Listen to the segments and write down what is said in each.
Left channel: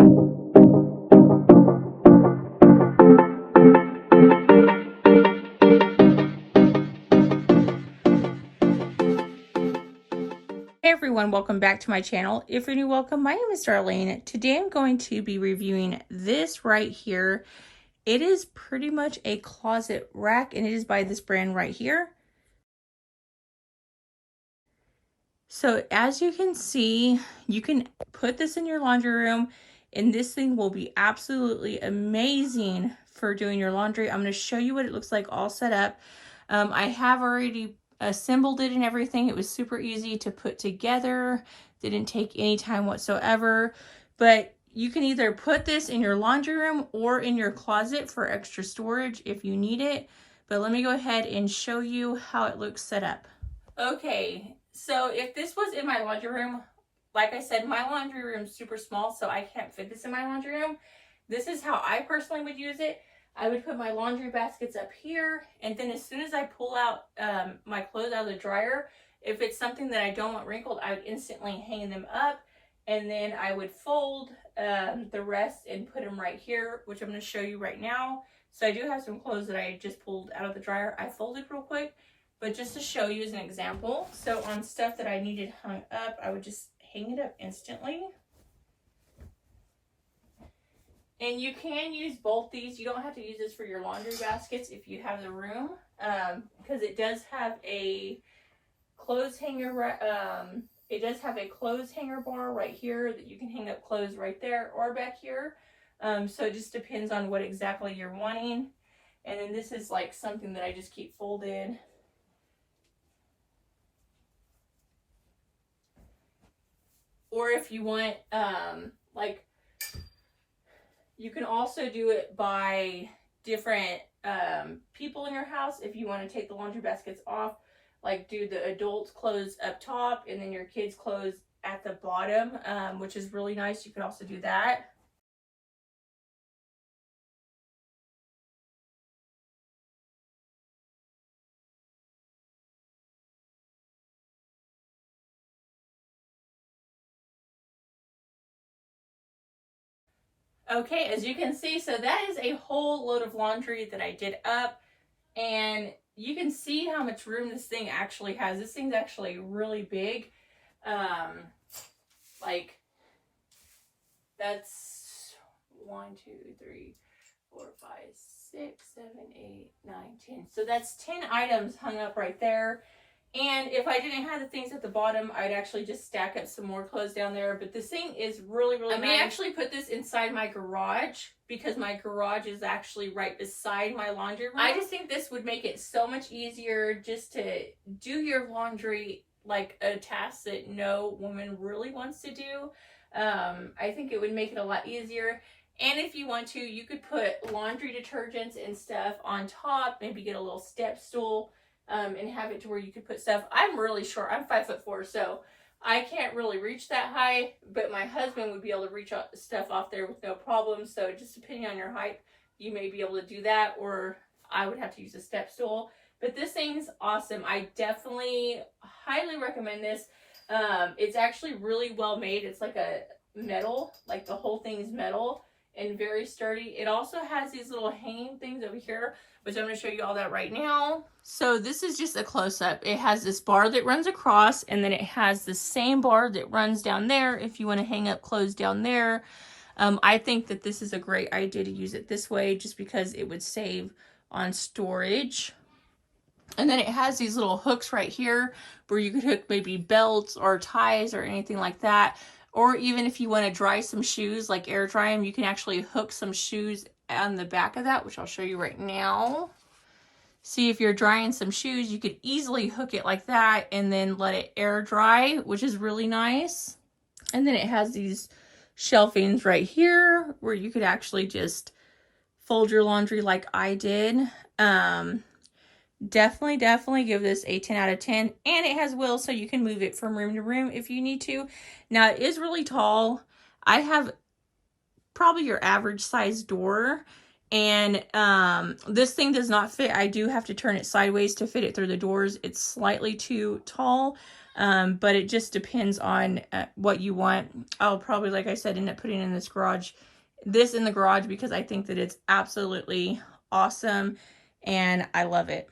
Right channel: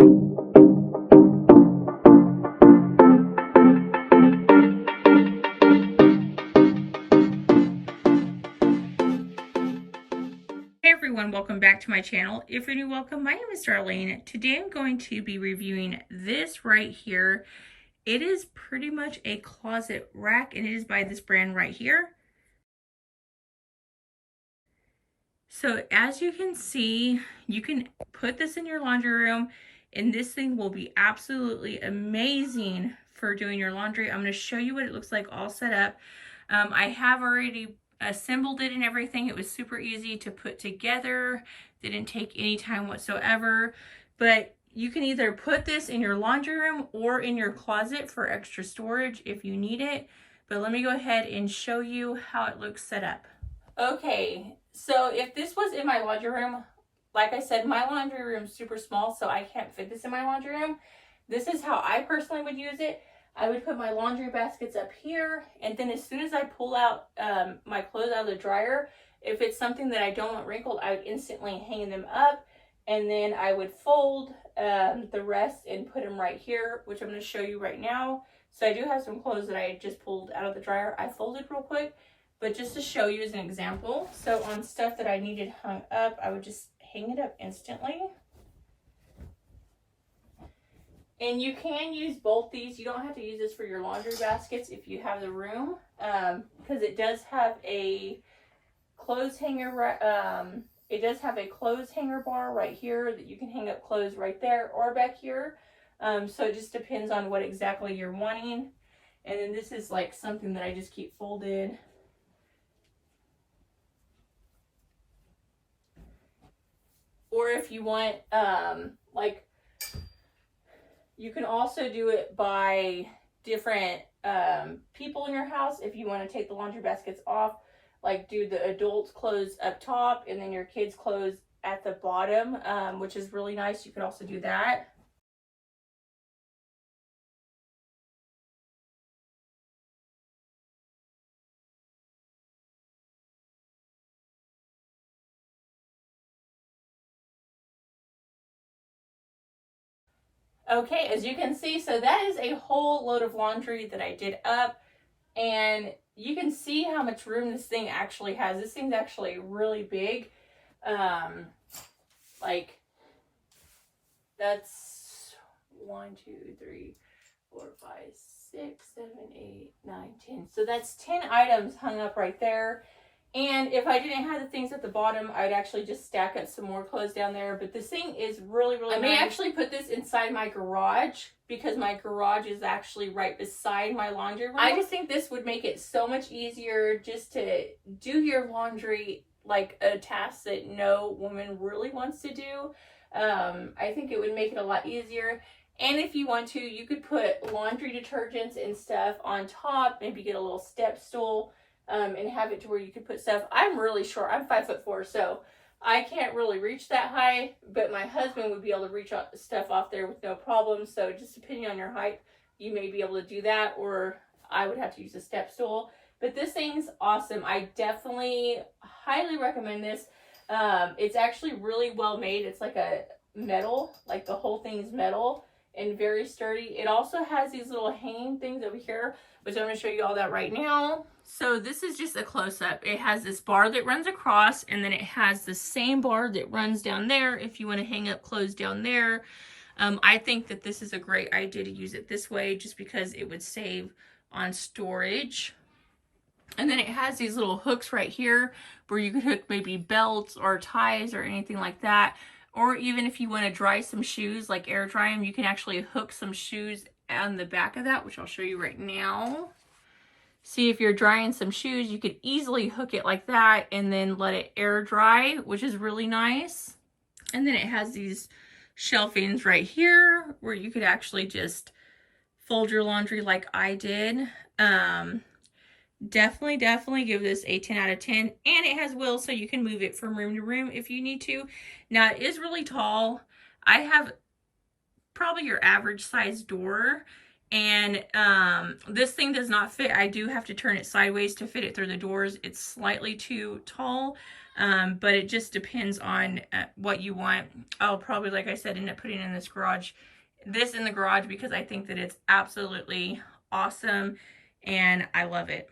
Hey everyone, welcome back to my channel. If you're new, welcome. My name is Darlene. Today I'm going to be reviewing this right here. It is pretty much a closet rack, and it is by this brand right here. So as you can see, you can put this in your laundry room, and this thing will be absolutely amazing for doing your laundry. I'm going to show you what it looks like all set up. I have already assembled it and everything. It was super easy to put together. Didn't take any time whatsoever. But you can either put this in your laundry room or in your closet for extra storage if you need it. But let me go ahead and show you how it looks set up. Okay, so if this was in my laundry room, like I said, my laundry room is super small, so I can't fit this in my laundry room. This is how I personally would use it. I would put my laundry baskets up here, and then as soon as I pull out my clothes out of the dryer, if it's something that I don't want wrinkled, I would instantly hang them up, and then I would fold the rest and put them right here, which I'm going to show you right now. So I do have some clothes that I just pulled out of the dryer. I folded real quick, but just to show you as an example. So on stuff that I needed hung up, I would just hang it up instantly. And you can use both these. You don't have to use this for your laundry baskets if you have the room, because it does have a clothes hanger. It does have a clothes hanger bar right here that you can hang up clothes right there or back here. So it just depends on what exactly you're wanting. And then this is like something that I just keep folded. Or if you want, like, you can also do it by different people in your house. If you want to take the laundry baskets off, like do the adults' clothes up top and then your kids' clothes at the bottom, which is really nice. You could also do that. Okay, as you can see, so that is a whole load of laundry that I did up, and you can see how much room this thing actually has. This thing's actually really big. Like, that's 1, 2, 3, 4, 5, 6, 7, 8, 9, 10. So that's 10 items hung up right there. And if I didn't have the things at the bottom, I'd actually just stack up some more clothes down there. But this thing is really, really nice. I may actually put this inside my garage because my garage is actually right beside my laundry room. I just think this would make it so much easier just to do your laundry, like a task that no woman really wants to do. I think it would make it a lot easier. And if you want to, you could put laundry detergents and stuff on top, maybe get a little step stool. And have it to where you could put stuff. I'm really short. I'm 5'4", so I can't really reach that high, but my husband would be able to reach stuff off there with no problem. So just depending on your height, you may be able to do that, or I would have to use a step stool. But this thing's awesome. I definitely highly recommend this. It's actually really well made. It's like a metal, like the whole thing's metal and very sturdy. It also has these little hanging things over here, which I'm going to show you all that right now. So this is just a close-up. It has this bar that runs across, and then it has the same bar that runs down there if you want to hang up clothes down there. I think that this is a great idea to use it this way just because it would save on storage. And then it has these little hooks right here where you could hook maybe belts or ties or anything like that. Or even if you want to dry some shoes, like air dry them, you can actually hook some shoes on the back of that, which I'll show you right now. See, if you're drying some shoes, you could easily hook it like that and then let it air dry, which is really nice. And then it has these shelvings right here where you could actually just fold your laundry like I did. Definitely give this a 10 out of 10. And it has wheels, so you can move it from room to room if you need to. Now, it is really tall. I have probably your average size door, and this thing does not fit. I do have to turn it sideways to fit it through the doors. It's slightly too tall. But it just depends on what you want. I'll probably, like I said, end up putting in this in the garage because I think that it's absolutely awesome and I love it.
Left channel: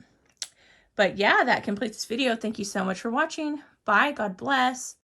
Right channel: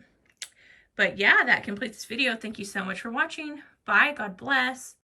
But yeah, that completes this video. Thank you so much for watching. Bye. God bless.